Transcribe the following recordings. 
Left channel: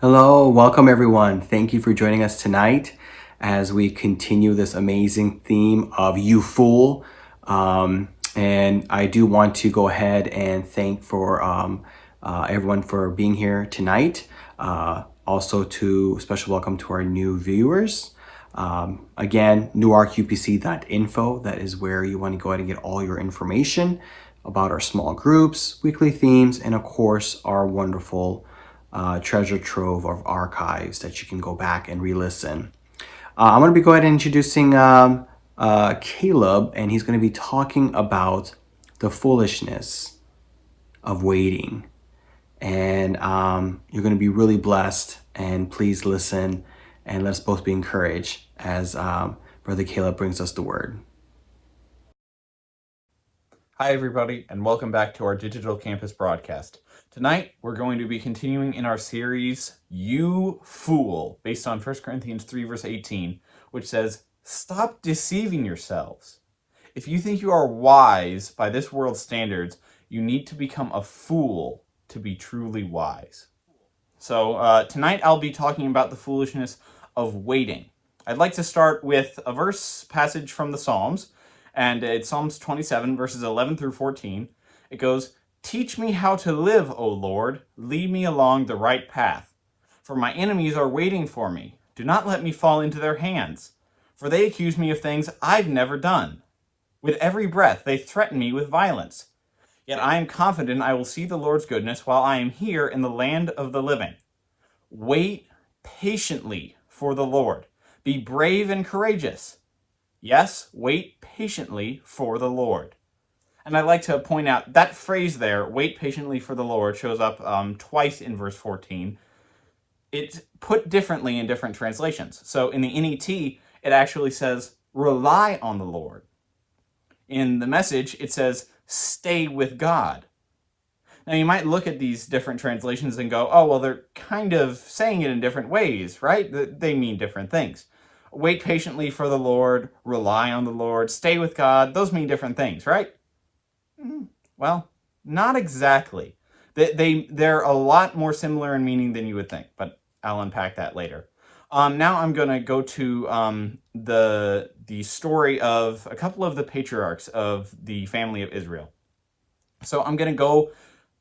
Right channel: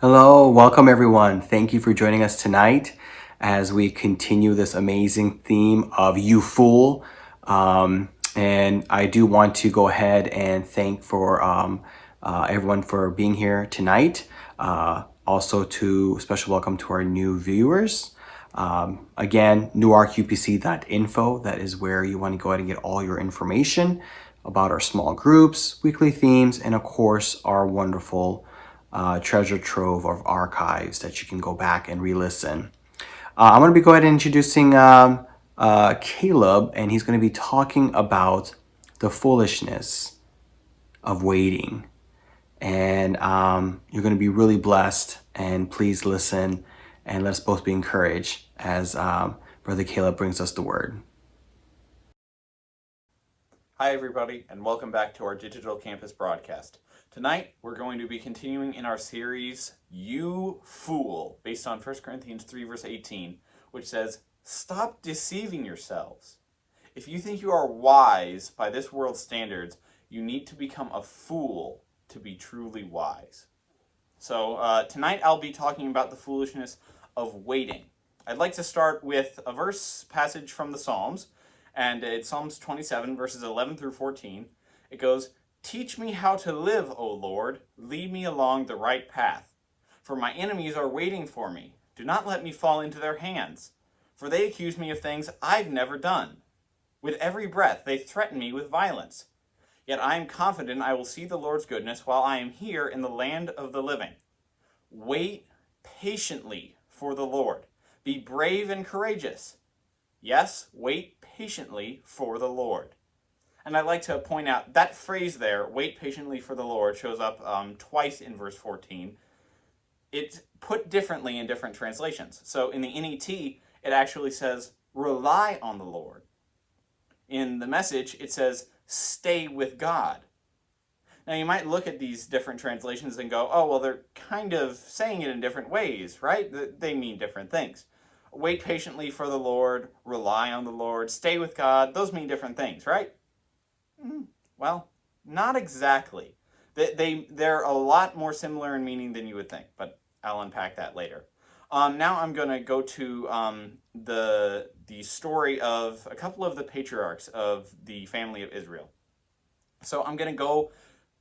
Hello, welcome everyone. Thank you for joining us tonight as we continue this amazing theme of You Fool. And I do want to go ahead and thank for everyone for being here tonight. Also, to special welcome to our new viewers. Again, newarkupc.info. That is where you want to go ahead and get all your information about our small groups, weekly themes, and of course, our wonderful treasure trove of archives that you can go back and re-listen. I'm going to be go ahead and introducing Caleb, and he's going to be talking about the foolishness of waiting. And you're going to be really blessed. And please listen, and let's both be encouraged as Brother Caleb brings us the word. Hi, everybody, and welcome back to our Digital Campus broadcast. Tonight, we're going to be continuing in our series, You Fool, based on 1 Corinthians 3, verse 18, which says, "Stop deceiving yourselves. If you think you are wise by this world's standards, you need to become a fool to be truly wise." So tonight, I'll be talking about the foolishness of waiting. I'd like to start with a verse passage from the Psalms, and it's Psalms 27, verses 11 through 14. It goes, "Teach me how to live, O Lord. Lead me along the right path. For my enemies are waiting for me. Do not let me fall into their hands. For they accuse me of things I've never done. With every breath they threaten me with violence. Yet I am confident I will see the Lord's goodness while I am here in the land of the living. Wait patiently for the Lord. Be brave and courageous. Yes, wait patiently for the Lord." And I'd like to point out that phrase there, "wait patiently for the Lord," shows up twice in verse 14. It's put differently in different translations. So in the NET, it actually says, "rely on the Lord." In the Message, it says, "stay with God." Now, you might look at these different translations and go, oh, well, they're kind of saying it in different ways, right? They mean different things. Wait patiently for the Lord, rely on the Lord, stay with God, those mean different things, right? Well, not exactly. They're a lot more similar in meaning than you would think, but I'll unpack that later. Now I'm going to go to the story of a couple of the patriarchs of the family of Israel. So I'm going to go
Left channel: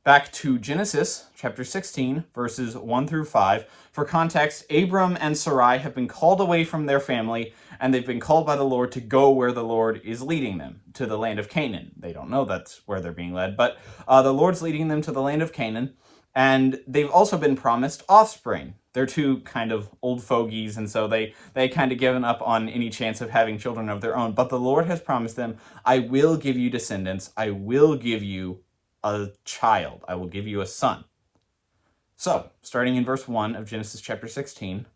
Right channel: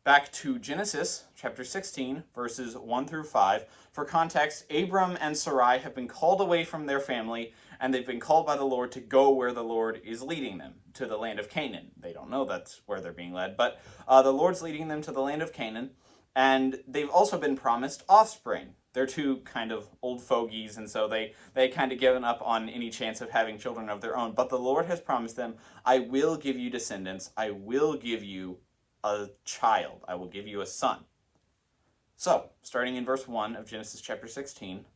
back to Genesis chapter 16, verses 1 through 5. For context, Abram and Sarai have been called away from their family, and they've been called by the Lord to go where the Lord is leading them, to the land of Canaan. They don't know that's where they're being led, but the Lord's leading them to the land of Canaan, and they've also been promised offspring. They're two kind of old fogies, and so they kind of given up on any chance of having children of their own. But the Lord has promised them, "I will give you descendants. I will give you a child. I will give you a son." So, starting in verse 1 of Genesis chapter 16,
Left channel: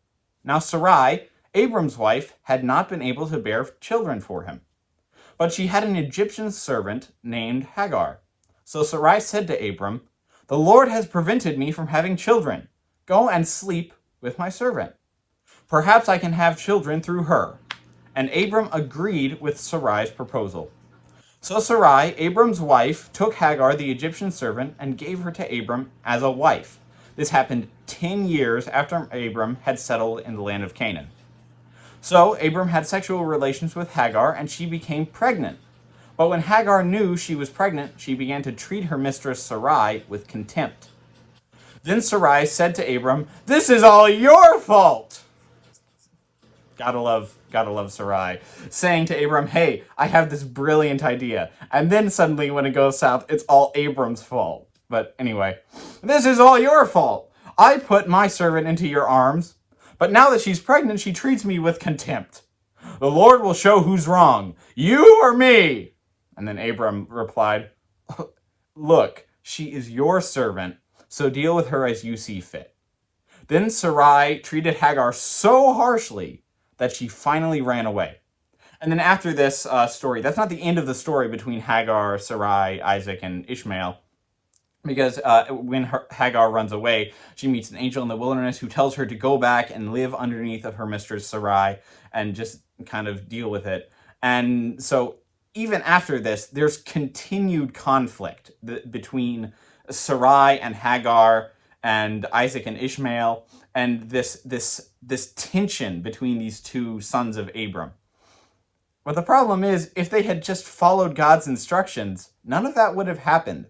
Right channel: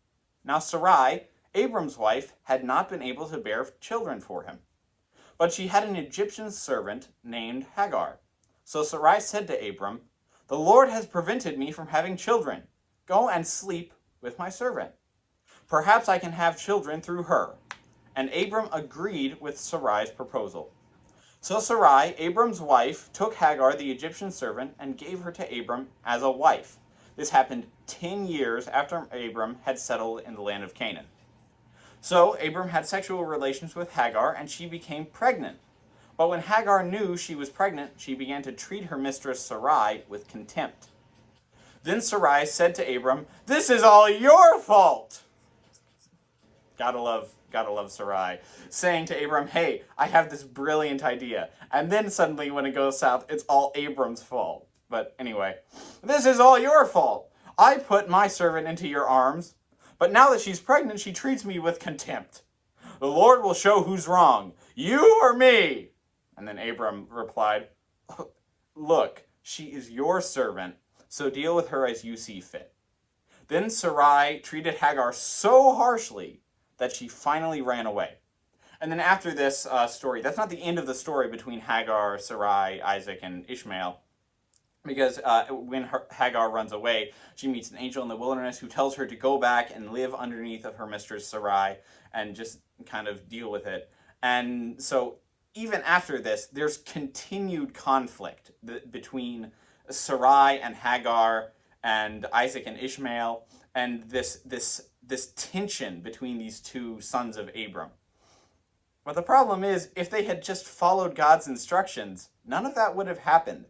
"Now Sarai, Abram's wife, had not been able to bear children for him, but she had an Egyptian servant named Hagar. So Sarai said to Abram, 'The Lord has prevented me from having children. Go and sleep with my servant. Perhaps I can have children through her.' And Abram agreed with Sarai's proposal. So Sarai, Abram's wife, took Hagar, the Egyptian servant, and gave her to Abram as a wife. This happened 10 years after Abram had settled in the land of Canaan. So Abram had sexual relations with Hagar, and she became pregnant. But when Hagar knew she was pregnant, she began to treat her mistress Sarai with contempt. Then Sarai said to Abram, 'This is all your fault.'" Gotta love Sarai, saying to Abram, "Hey, I have this brilliant idea." And then suddenly when it goes south, it's all Abram's fault. But anyway, "This is all your fault. I put my servant into your arms, but now that she's pregnant, she treats me with contempt. The Lord will show who's wrong, you or me." And then Abram replied, "Look, she is your servant, so deal with her as you see fit." Then Sarai treated Hagar so harshly that she finally ran away. And then after this story, that's not the end of the story between Hagar, Sarai, Isaac, and Ishmael, because when Hagar runs away, she meets an angel in the wilderness who tells her to go back and live underneath of her mistress Sarai and just kind of deal with it. And so even after this, there's continued conflict between Sarai and Hagar and Isaac and Ishmael. and this tension between these two sons of Abram. But the problem is, if they had just followed God's instructions, none of that would have happened.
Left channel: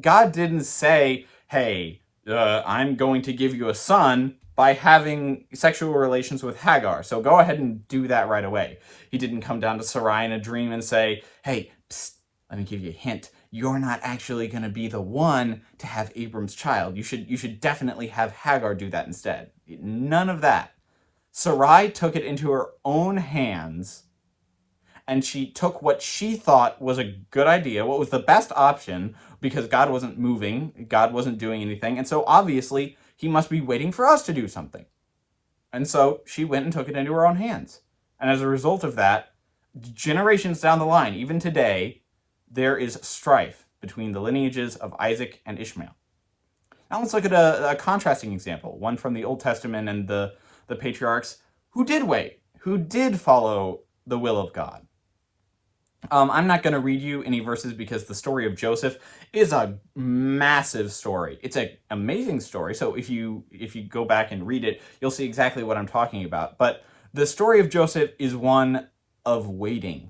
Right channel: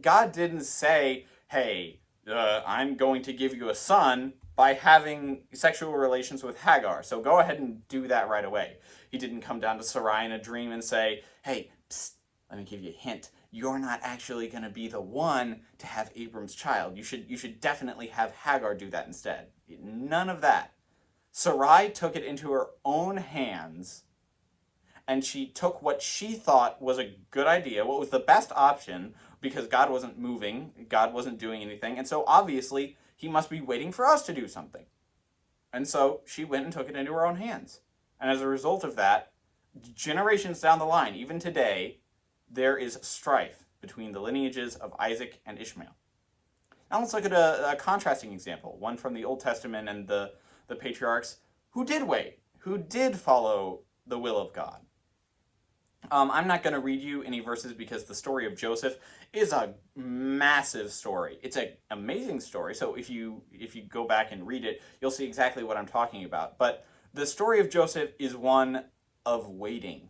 God didn't say, hey, I'm going to give you a son by having sexual relations with Hagar, so go ahead and do that right away. He didn't come down to Sarai in a dream and say, hey, psst, let me give you a hint. You're not actually going to be the one to have Abram's child. You should definitely have Hagar do that instead. None of that. Sarai took it into her own hands, and she took what she thought was a good idea, what was the best option, because God wasn't moving, God wasn't doing anything, and so obviously he must be waiting for us to do something. And so she went and took it into her own hands. And as a result of that, generations down the line, even today, there is strife between the lineages of Isaac and Ishmael. Now let's look at a contrasting example, one from the Old Testament and the patriarchs who did wait, who did follow the will of God. I'm not going to read you any verses because the story of Joseph is a massive story. It's an amazing story. So if you go back and read it, you'll see exactly what I'm talking about. But the story of Joseph is one of waiting,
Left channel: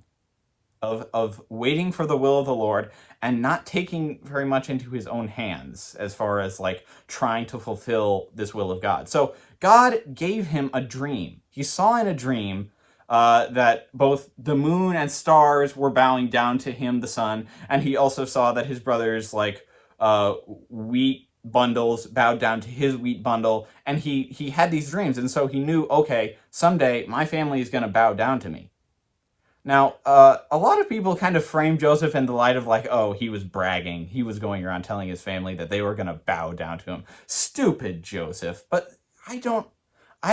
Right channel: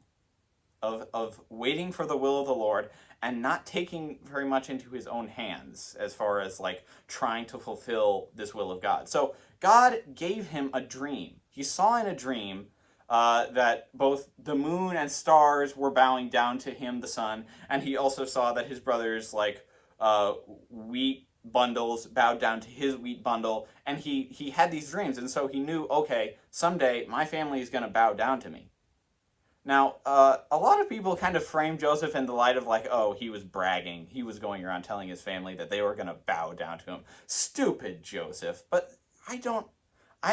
of waiting for the will of the Lord and not taking very much into his own hands as far as like trying to fulfill this will of God. So God gave him a dream. He saw in a dream that both the moon and stars were bowing down to him, the sun, and he also saw that his brothers, like wheat bundles, bowed down to his wheat bundle, and he had these dreams, and so he knew, okay, someday my family is going to bow down to me. Now, a lot of people kind of frame Joseph in the light of like, oh, he was bragging. He was going around telling his family that they were going to bow down to him. Stupid Joseph. But I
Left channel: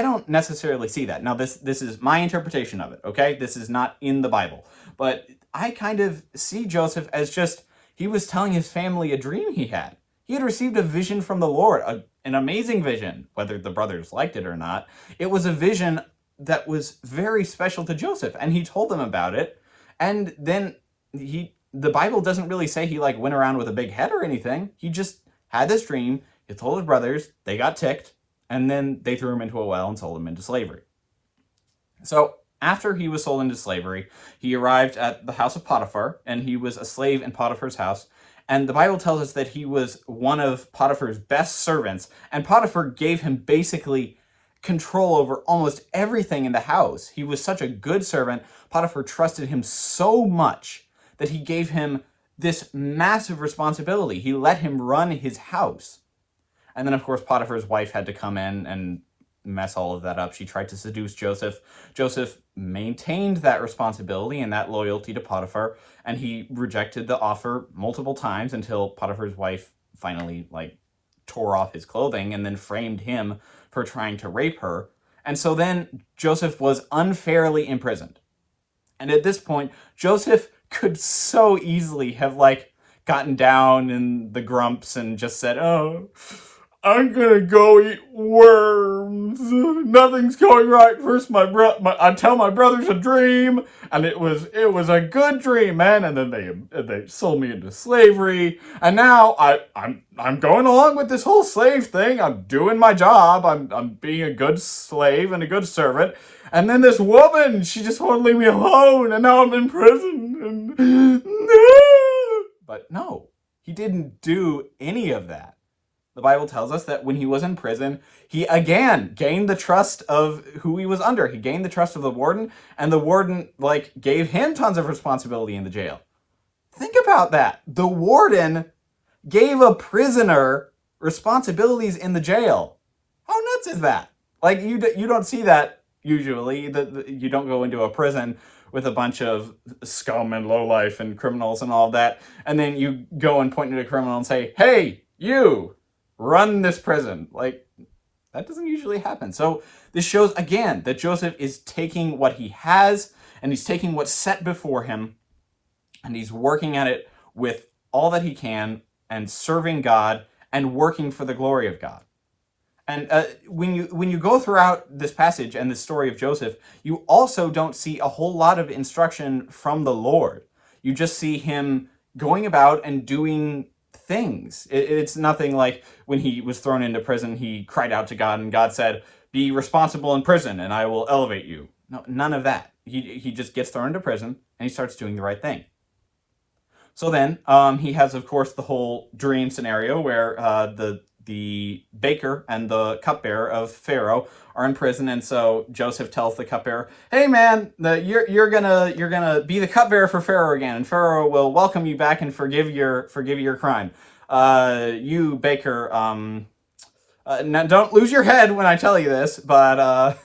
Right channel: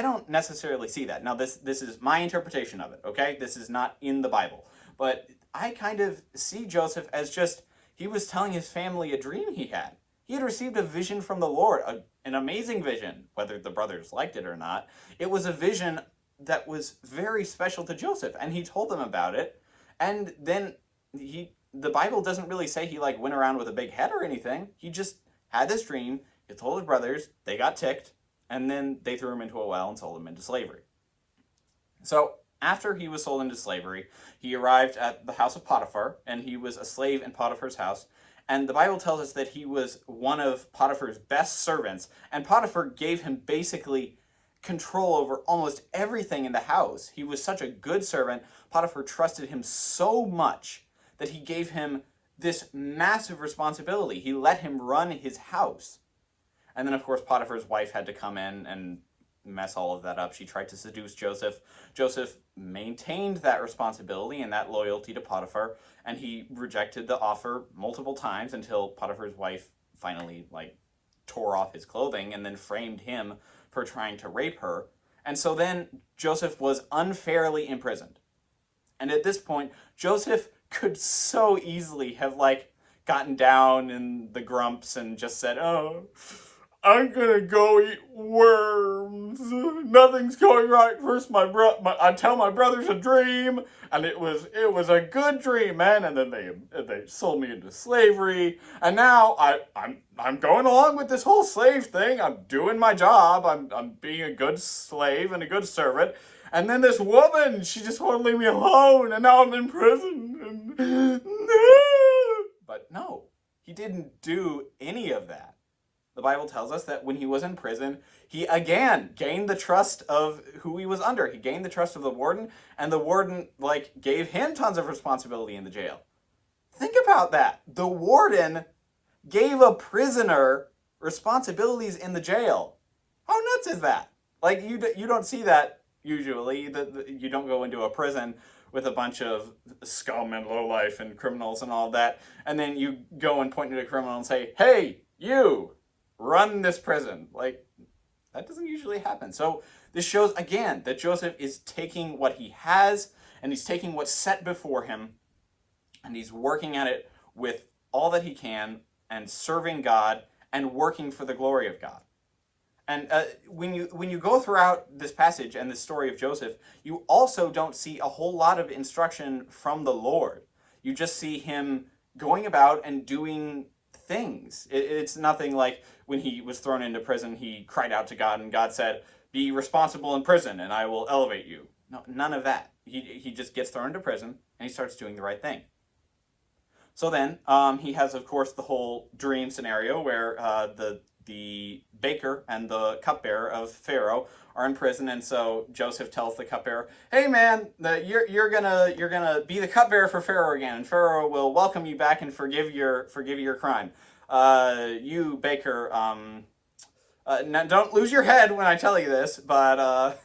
don't necessarily see that. Now, this is my interpretation of it, okay? This is not in the Bible. But I kind of see Joseph as just, he was telling his family a dream he had. He had received a vision from the Lord, an amazing vision, whether the brothers liked it or not. It was a vision that was very special to Joseph, and he told them about it. And then the Bible doesn't really say he like went around with a big head or anything. He just had this dream. He told his brothers, they got ticked, and then they threw him into a well and sold him into slavery. So after he was sold into slavery, he arrived at the house of Potiphar, and he was a slave in Potiphar's house. And the Bible tells us that he was one of Potiphar's best servants, and Potiphar gave him basically control over almost everything in the house. He was such a good servant. Potiphar trusted him so much that he gave him this massive responsibility. He let him run his house. And then, of course, Potiphar's wife had to come in and mess all of that up. She tried to seduce Joseph. Joseph maintained that responsibility and that loyalty to Potiphar, and he rejected the offer multiple times until Potiphar's wife finally, tore off his clothing and then framed him for trying to rape her. And so then Joseph was unfairly imprisoned. And at this point, Joseph could so easily have gotten down in the grumps and just said, oh, I'm gonna go eat worms. Nothing's going right. First, I tell my brothers a dream, and it was a good dream, man. And then they sold me into slavery, and now I'm going along with this whole slave thing. I'm doing my job. I'm being a good slave and a good servant. And then this woman, she just won't leave me alone, and now I'm in prison. And but no, he didn't do any of that. The Bible tells us that when he was in prison, he again gained the trust of who he was under. He gained the trust of the warden, and the warden gave him tons of responsibility in the jail. Think about that. The warden gave a prisoner responsibilities in the jail. How nuts is that? You don't see that usually. You don't go into a prison with a bunch of scum and lowlife and criminals and all that, and then you go and point at a criminal and say, hey, you, run this prison. That doesn't usually happen. So this shows, again, that Joseph is taking what he has, and he's taking what's set before him, and he's working at it with all that he can, and serving God, and working for the glory of God. And when you go throughout this passage and the story of Joseph, you also don't see a whole lot of instruction from the Lord. You just see him going about and doing things. It's nothing like when he was thrown into prison, he cried out to God, and God said, "Be responsible in prison, and I will elevate you." No, none of that. He just gets thrown into prison, and he starts doing the right thing. So then he has, of course, the whole dream scenario where the baker and the cupbearer of Pharaoh are in prison, and so Joseph tells the cupbearer, "Hey man, you're gonna be the cupbearer for Pharaoh again, and Pharaoh will welcome you back and forgive your crime. You baker, now don't lose your head when I tell you this, but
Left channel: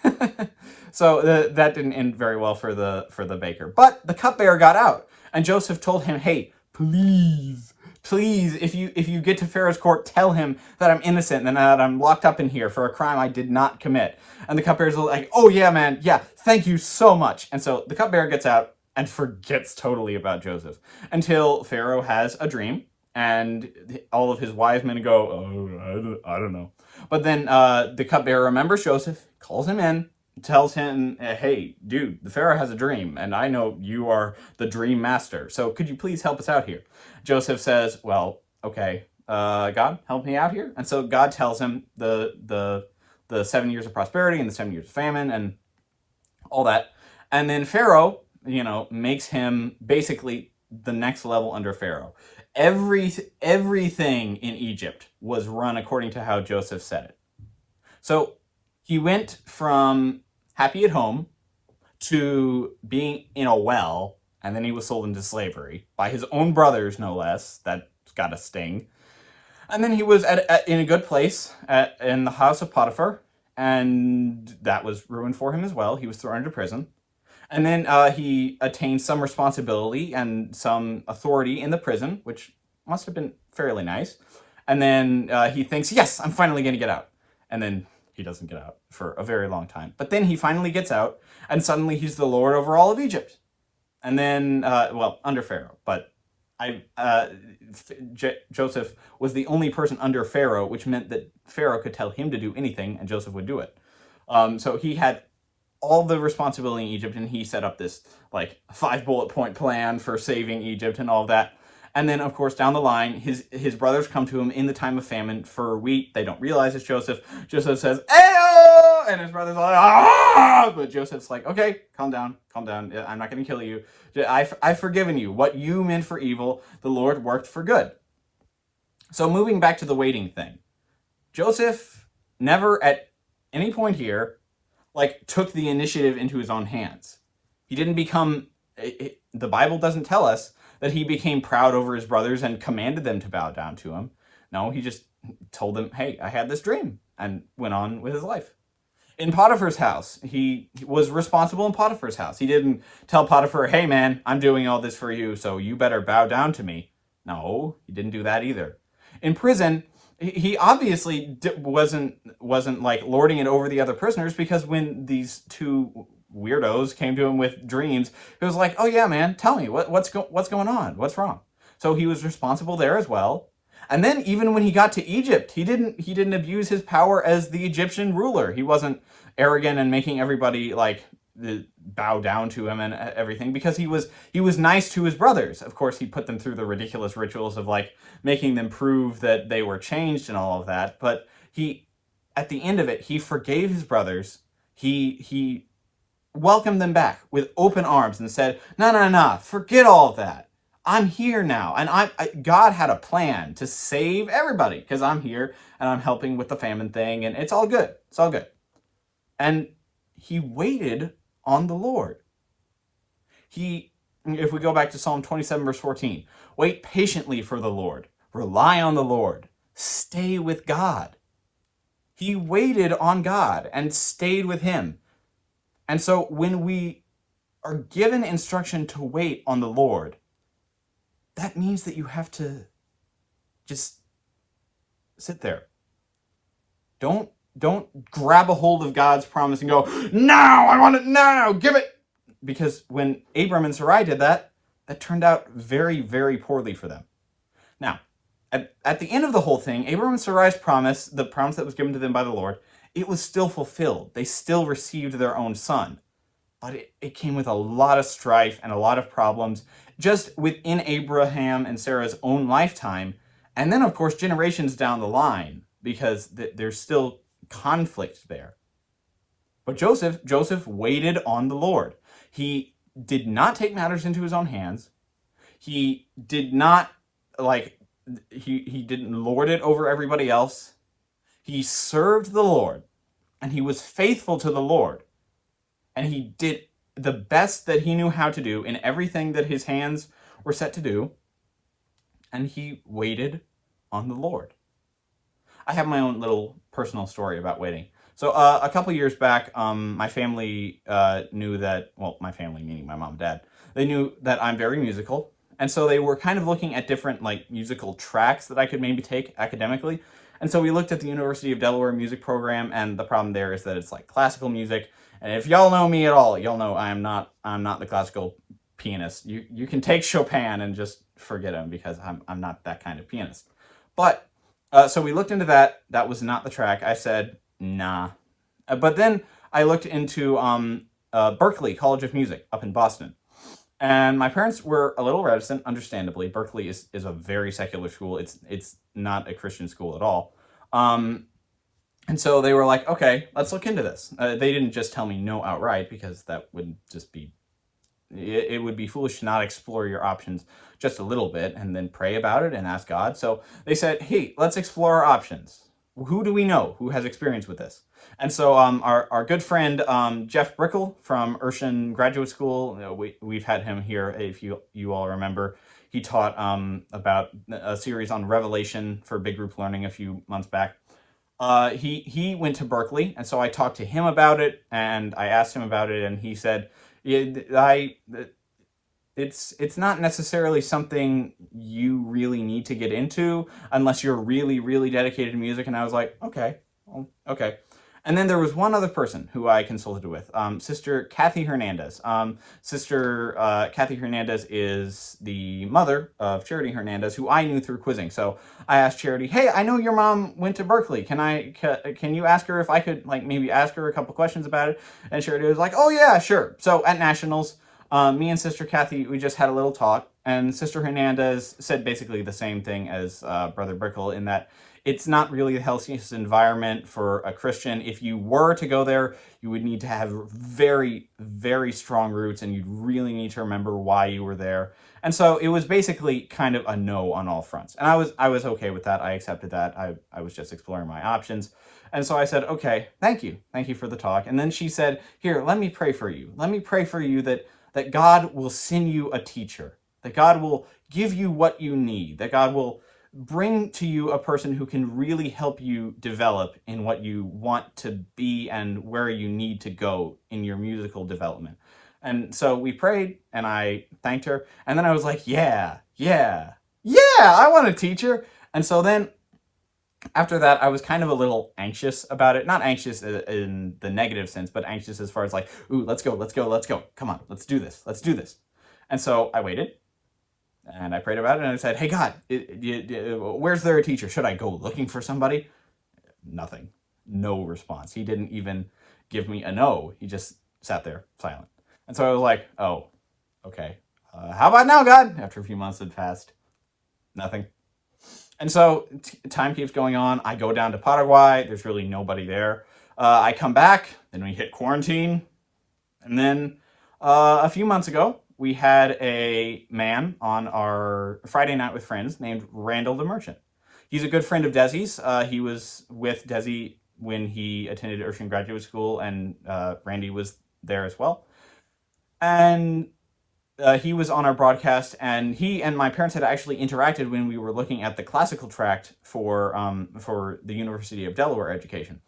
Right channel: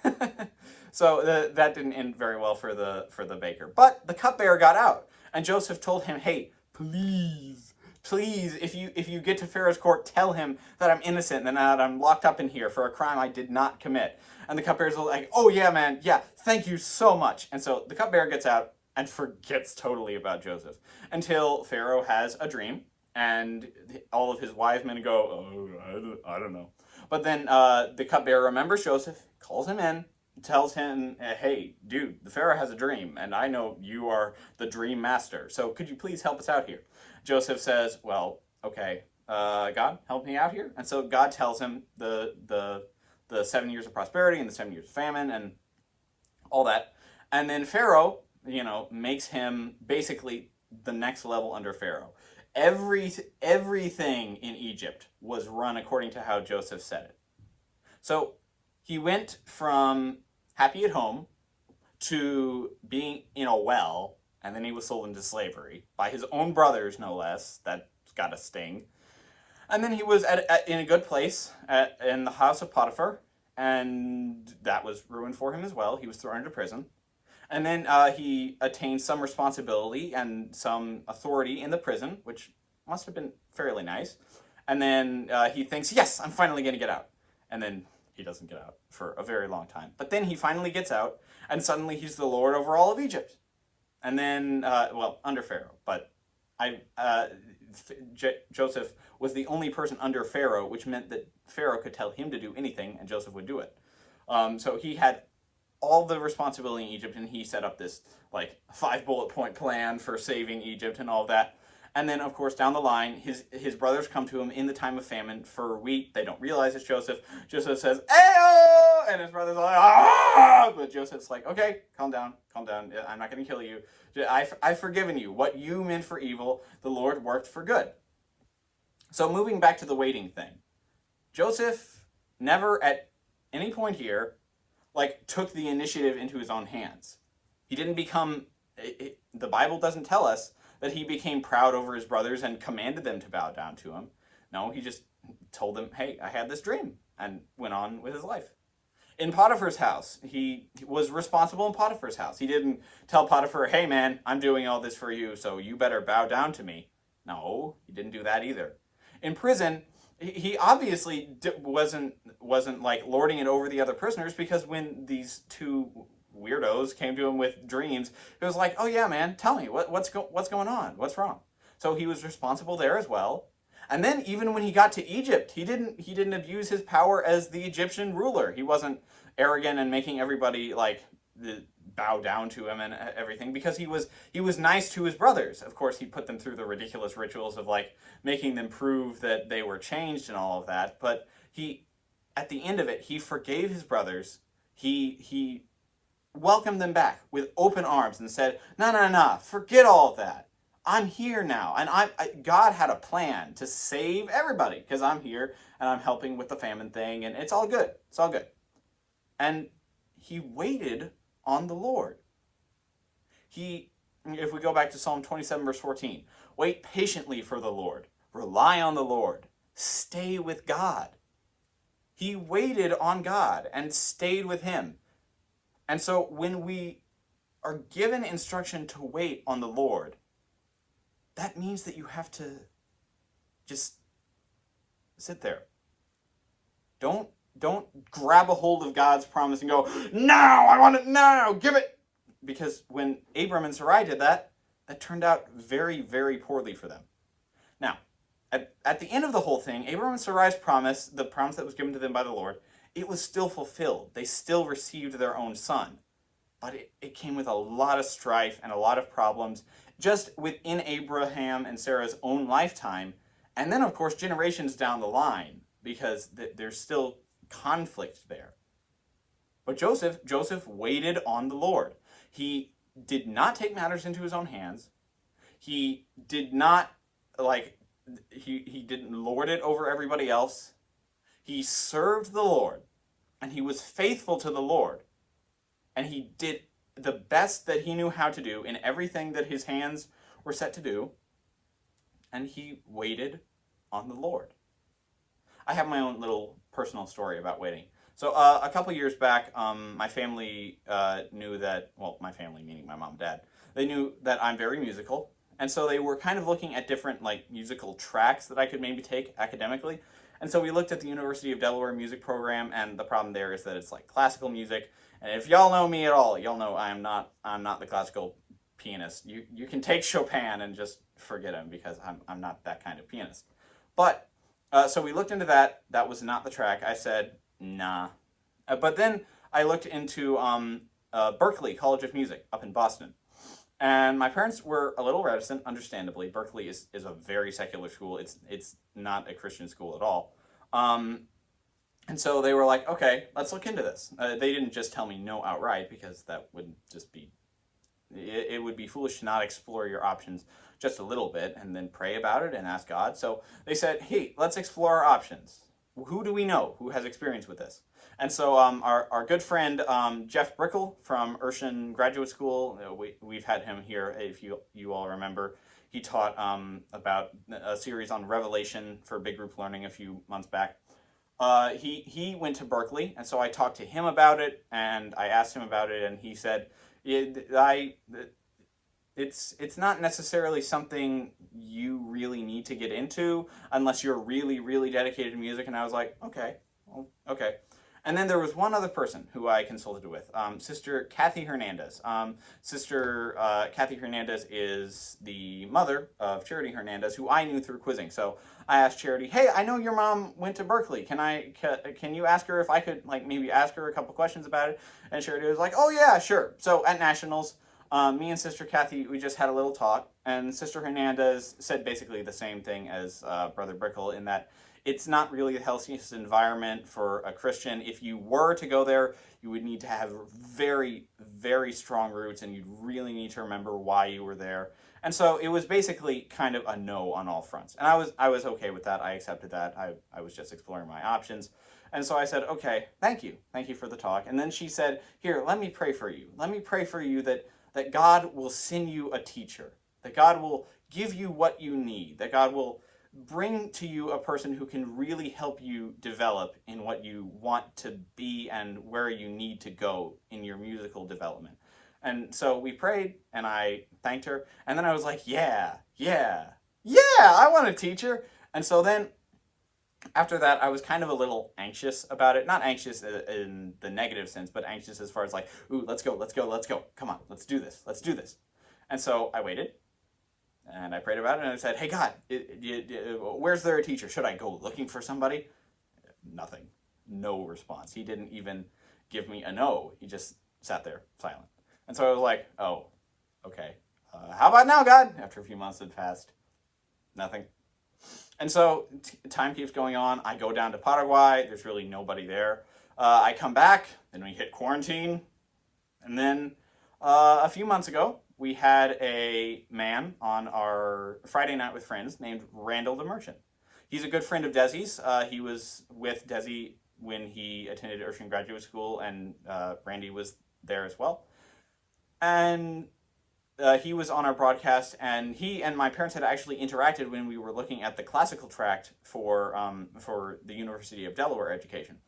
so that didn't end very well for the baker. But the cupbearer got out, and Joseph told him, "Hey, please, if you get to Pharaoh's court, tell him that I'm innocent and that I'm locked up in here for a crime I did not commit." And the cupbearer's like, "Oh yeah, man, yeah, thank you so much." And so the cupbearer gets out and forgets totally about Joseph until Pharaoh has a dream, and all of his wise men go, "Oh, I don't know." But then the cupbearer remembers Joseph, calls him in, tells him, "Hey, dude, the Pharaoh has a dream, and I know you are the dream master. So could you please help us out here?" Joseph says, "Well, okay, God, help me out here." And so God tells him the 7 years of prosperity and the 7 years of famine and all that. And then Pharaoh, makes him basically the next level under Pharaoh. Everything in Egypt was run according to how Joseph said it. So he went from happy at home to being in a well, and then he was sold into slavery by his own brothers, no less. That's got a sting. And then he was in a good place in the house of Potiphar, and that was ruined for him as well. He was thrown into prison. And then he attained some responsibility and some authority in the prison, which must have been fairly nice. And then he thinks, "Yes, I'm finally going to get out." And then he doesn't get out for a very long time. But then he finally gets out, and suddenly he's the lord over all of Egypt. And then, under Pharaoh. But Joseph was the only person under Pharaoh, which meant that Pharaoh could tell him to do anything, and Joseph would do it. So he had all the responsibility in Egypt, and he set up this 5 bullet point plan for saving Egypt and all of that. And then, of course, down the line, his brothers come to him in the time of famine for wheat. They don't realize it's Joseph. Joseph says, "Ayo!" And his brothers are like, "Ah!" But Joseph's like, "Okay, calm down. I'm not going to kill you. I've forgiven you. What you meant for evil, the Lord worked for good." So moving back to the waiting thing, Joseph never at any point here took the initiative into his own hands. He didn't become, the Bible doesn't tell us that he became proud over his brothers and commanded them to bow down to him. No, he just told them, "Hey, I had this dream," and went on with his life. In Potiphar's house, he was responsible in Potiphar's house. He didn't tell Potiphar, "Hey man, I'm doing all this for you, so you better bow down to me." No, he didn't do that either. In prison, he obviously wasn't lording it over the other prisoners, because when these two weirdos came to him with dreams, he was like, "Oh yeah, man, tell me what's going on, what's wrong?" So he was responsible there as well. And then even when he got to Egypt, he didn't abuse his power as the Egyptian ruler. He wasn't arrogant and making everybody bow down to him and everything, because he was nice to his brothers. Of course, he put them through the ridiculous rituals of making them prove that they were changed and all of that. But at the end of it, he forgave his brothers. He welcomed them back with open arms and said, "No, forget all of that. I'm here now, and God had a plan to save everybody, because I'm here and I'm helping with the famine thing, and it's all good. It's all good." And he waited on the Lord. If we go back to Psalm 27, verse 14, wait patiently for the Lord, rely on the Lord, stay with God. He waited on God and stayed with him. And so when we are given instruction to wait on the Lord, that means that you have to just sit there. Don't grab a hold of God's promise and go, "Now, I want it now, give it." Because when Abram and Sarai did that, that turned out very, very poorly for them. Now, at the end of the whole thing, Abram and Sarai's promise, the promise that was given to them by the Lord, it was still fulfilled. They still received their own son. But it came with a lot of strife and a lot of problems just within Abraham and Sarah's own lifetime. And then, of course, generations down the line, because there's still conflict there. But Joseph waited on the Lord. He did not take matters into his own hands. He did not, he didn't lord it over everybody else. He served the Lord, and he was faithful to the Lord. And he did the best that he knew how to do in everything that his hands were set to do. And he waited on the Lord. I have my own little personal story about waiting. So a couple years back, my family knew that, well, my family, meaning my mom and dad, they knew that I'm very musical. And so they were kind of looking at different musical tracks that I could maybe take academically. And so we looked at the University of Delaware music program, and the problem there is that it's classical music. And if y'all know me at all, y'all know I'm not the classical pianist. You can take Chopin and just forget him, because I'm not that kind of pianist. But so we looked into that. That was not the track. I said, nah. But then I looked into Berklee College of Music up in Boston. And my parents were a little reticent, understandably. Berklee is a very secular school. It's not a Christian school at all. And so they were like, okay, let's look into this. They didn't just tell me no outright, because that would just be, it would be foolish to not explore your options just a little bit and then pray about it and ask God. So they said, hey, let's explore our options. Who do we know who has experience with this? And so our good friend Jeff Brickle from Urshan Graduate School, we've had him here, if you all remember. He taught about a series on Revelation for Big Group Learning a few months back. He went to Berklee, and so I talked to him about it, and I asked him about it, and he said, it's not necessarily something you really need to get into unless you're really, really dedicated to music. And I was like, okay, well, okay. And then there was one other person who I consulted with, Sister Kathy Hernandez. Sister Kathy Hernandez is the mother of Charity Hernandez, who I knew through quizzing. So I asked Charity, hey, I know your mom went to Berklee. Can you ask her if I could maybe ask her a couple questions about it? And Charity was like, oh yeah, sure. So at Nationals, me and Sister Kathy, we just had a little talk, and Sister Hernandez said basically the same thing as Brother Brickle, in that it's not really the healthiest environment for a Christian. If you were to go there, you would need to have very, very strong roots, and you'd really need to remember why you were there. And so it was basically kind of a no on all fronts. And I was okay with that. I accepted that. I was just exploring my options. And so I said, okay, thank you. Thank you for the talk. And then she said, here, let me pray for you. Let me pray for you that God will send you a teacher, that God will give you what you need, that God will bring to you a person who can really help you develop in what you want to be and where you need to go in your musical development. And so we prayed, and I thanked her, and then I was like, yeah, I want a teacher. And so then after that, I was kind of a little anxious about it. Not anxious in the negative sense, but anxious as far as ooh, let's go. Come on, let's do this. And so I waited, and I prayed about it, and I said, hey, God, where's there a teacher? Should I go looking for somebody? Nothing. No response. He didn't even give me a no. He just sat there silent. And so I was like, oh, okay. How about now, God? After a few months had passed, nothing. And so time keeps going on. I go down to Paraguay. There's really nobody there. I come back. Then we hit quarantine. And then a few months ago, we had a man on our Friday Night with Friends named Randall DeMerchant. He's a good friend of Desi's. He was with Desi when he attended Urshan Graduate School, and Randy was there as well. And he was on our broadcast, and he and my parents had actually interacted when we were looking at the classical tract for the University of Delaware education.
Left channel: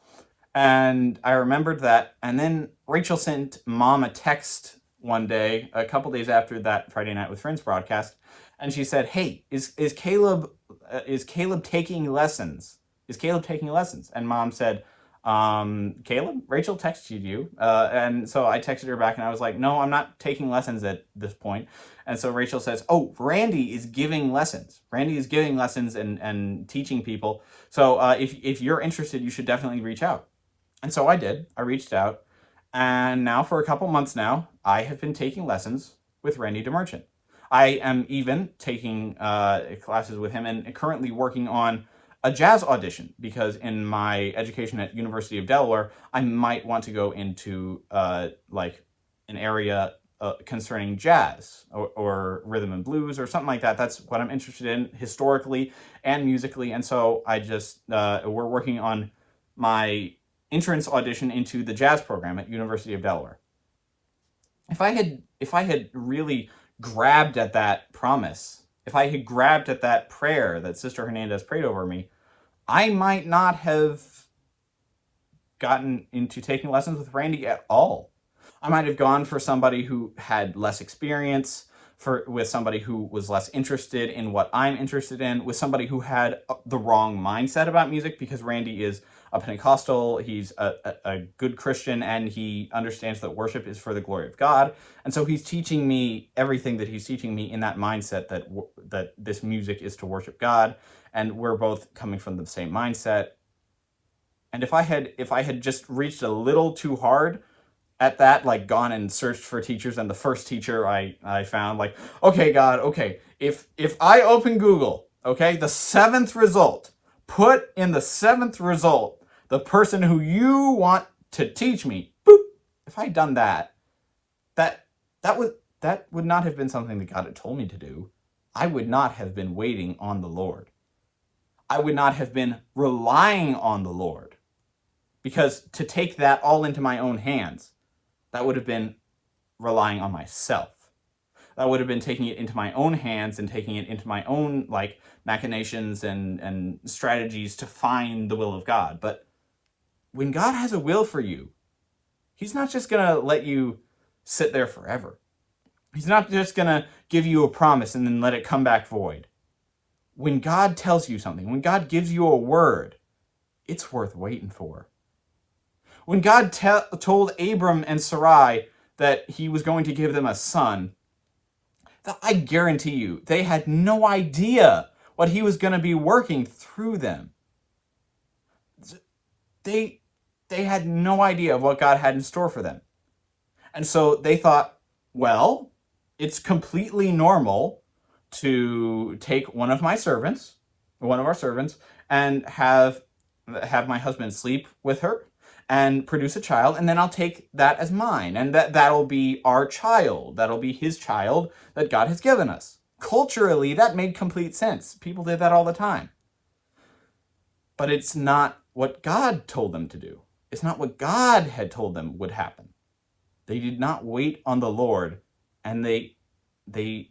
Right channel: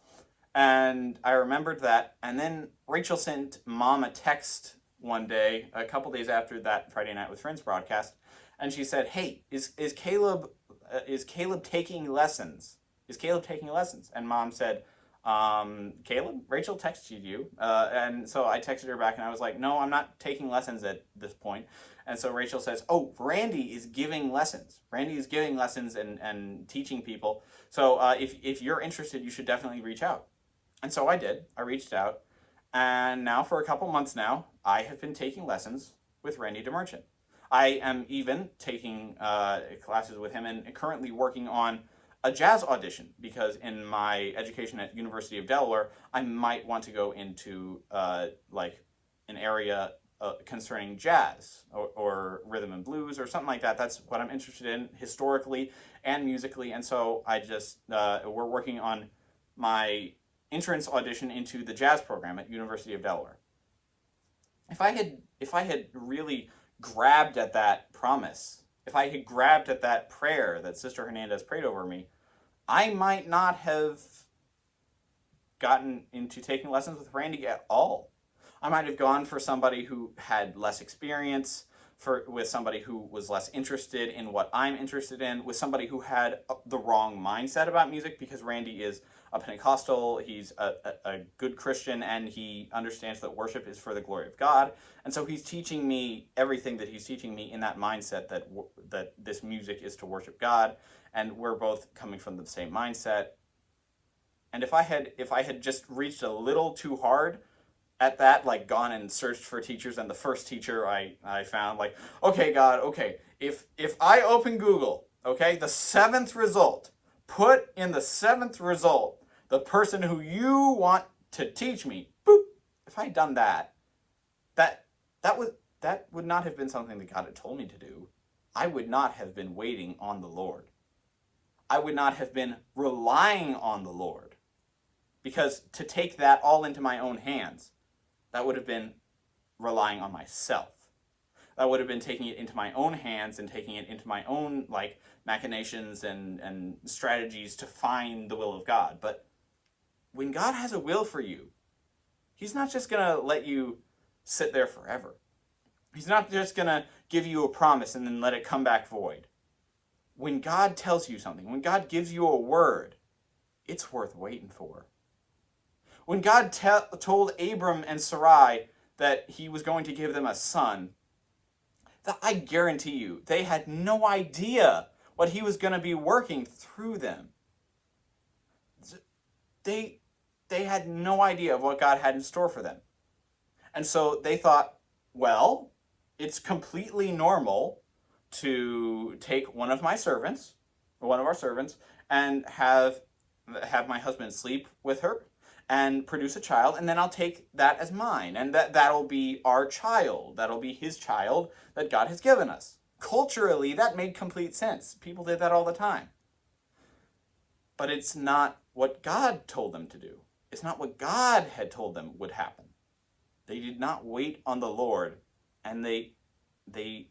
And I remembered that, and then Rachel sent Mom a text one day, a couple days after that Friday Night with Friends broadcast, and she said, hey, is Caleb taking lessons? Is Caleb taking lessons? And Mom said, Caleb, Rachel texted you. And so I texted her back, and I was like, no, I'm not taking lessons at this point. And so Rachel says, oh, Randy is giving lessons. Randy is giving lessons and teaching people. So if you're interested, you should definitely reach out. And so I did. I reached out. And now for a couple months now, I have been taking lessons with Randy DeMerchant. I am even taking classes with him and currently working on a jazz audition, because in my education at University of Delaware, I might want to go into like an area concerning jazz or rhythm and blues or something like that. That's what I'm interested in historically and musically. And so I just, we're working on my entrance audition into the jazz program at University of Delaware. If I had really grabbed at that promise, if I had grabbed at that prayer that Sister Hernandez prayed over me, I might not have gotten into taking lessons with Randy at all. I might have gone for somebody who had less experience, with somebody who was less interested in what I'm interested in, with somebody who had the wrong mindset about music, because Randy is a Pentecostal, he's a good Christian, and he understands that worship is for the glory of God. And so he's teaching me everything that he's teaching me in that mindset, that this music is to worship God, and we're both coming from the same mindset. And if I had just reached a little too hard at that, like gone and searched for teachers, and the first teacher I found, like, okay, God, okay, if I open Google, okay, the seventh result, put in the seventh result the person who you want to teach me, boop. If I'd done that would not have been something that God had told me to do. I would not have been waiting on the Lord. I would not have been relying on the Lord, because to take that all into my own hands, that would have been relying on myself. That would have been taking it into my own hands and taking it into my own like machinations and strategies to find the will of God. But when God has a will for you, he's not just going to let you sit there forever. He's not just going to give you a promise and then let it come back void. When God tells you something, when God gives you a word, it's worth waiting for. When God told Abram and Sarai that he was going to give them a son, I guarantee you, they had no idea what he was going to be working through them. They had no idea of what God had in store for them. And so they thought, well, it's completely normal to take one of our servants, and have my husband sleep with her and produce a child, and then I'll take that as mine, and that'll be our child. That'll be his child that God has given us. Culturally, that made complete sense. People did that all the time. But it's not what God told them to do. It's not what God had told them would happen. They did not wait on the Lord, and they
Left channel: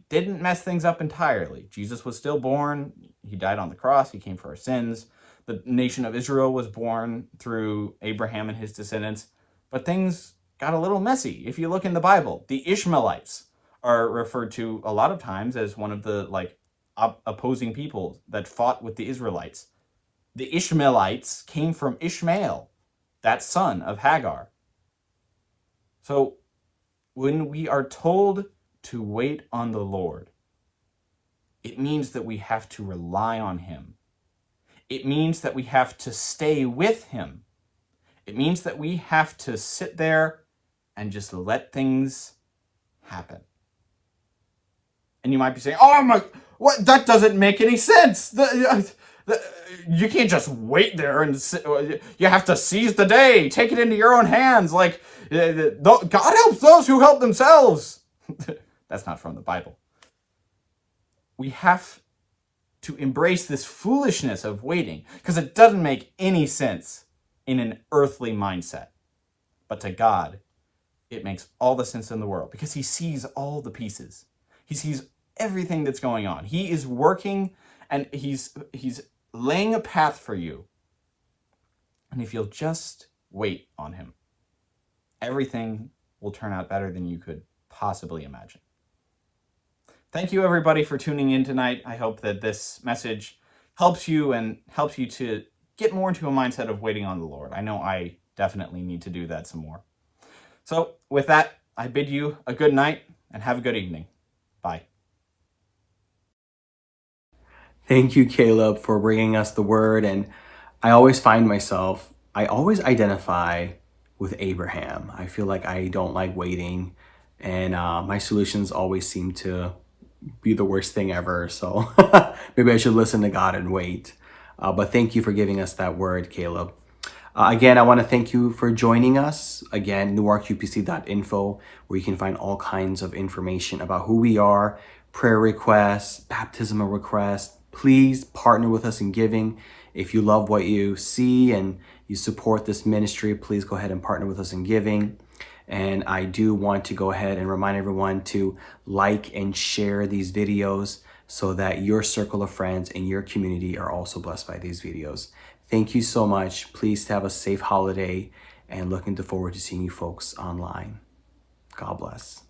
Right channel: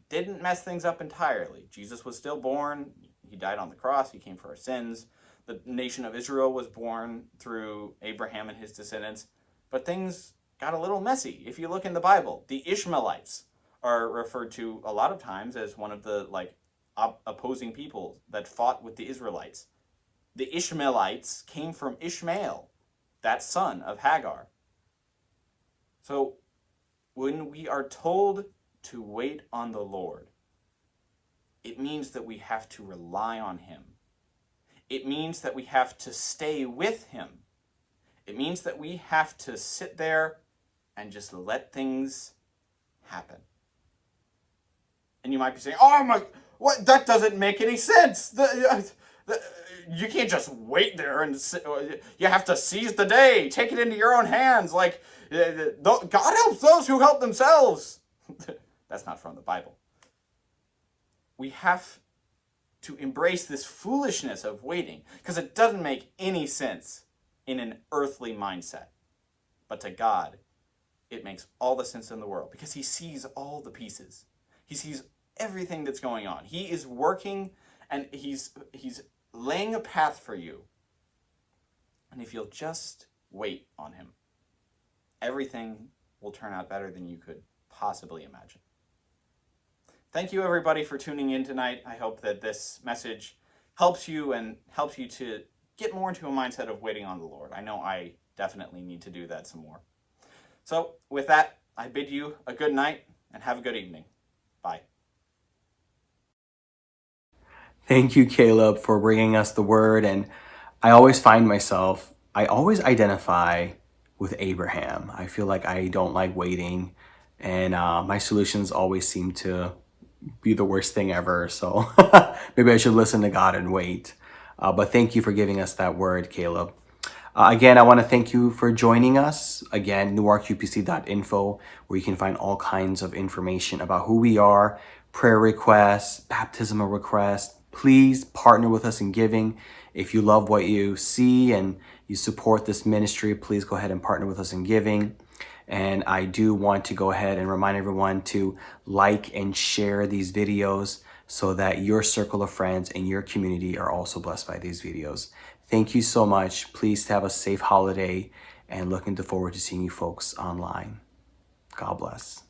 didn't mess things up entirely. Jesus was still born. He died on the cross. He came for our sins. The nation of Israel was born through Abraham and his descendants, but things got a little messy. If you look in the Bible, the Ishmaelites are referred to a lot of times as one of the opposing people that fought with the Israelites. The Ishmaelites came from Ishmael, that son of Hagar. So when we are told to wait on the Lord, it means that we have to rely on him. It means that we have to stay with him. It means that we have to sit there and just let things happen. And you might be saying, oh my, what? That doesn't make any sense. You can't just wait there and you have to seize the day, take it into your own hands. Like, God helps those who help themselves. That's not from the Bible. We have to embrace this foolishness of waiting, because it doesn't make any sense in an earthly mindset. But to God, it makes all the sense in the world, because he sees all the pieces. He sees everything that's going on. He is working, and he's laying a path for you. And if you'll just wait on him, everything will turn out better than you could possibly imagine. Thank you, everybody, for tuning in tonight. I hope that this message helps you to get more into a mindset of waiting on the Lord. I know I definitely need to do that some more. So with that, I bid you a good night and have a good evening. Bye. Thank you, Caleb, for bringing us the word. And I always identify with Abraham. I feel like I don't like waiting, and my solutions always seem to be the worst thing ever. So maybe I should listen to God and wait. But thank you for giving us that word, Caleb. Again, I want to thank you for joining us. Again, newarkupc.info, where you can find all kinds of information about who we are, prayer requests, baptismal requests. Please partner with us in giving. If you love what you see and you support this ministry, please go ahead and partner with us in giving. And I do want to go ahead and remind everyone to like and share these videos so that your circle of friends and your community are also blessed by these videos. Thank you so much. Please have a safe holiday and looking forward to seeing you folks online. God bless.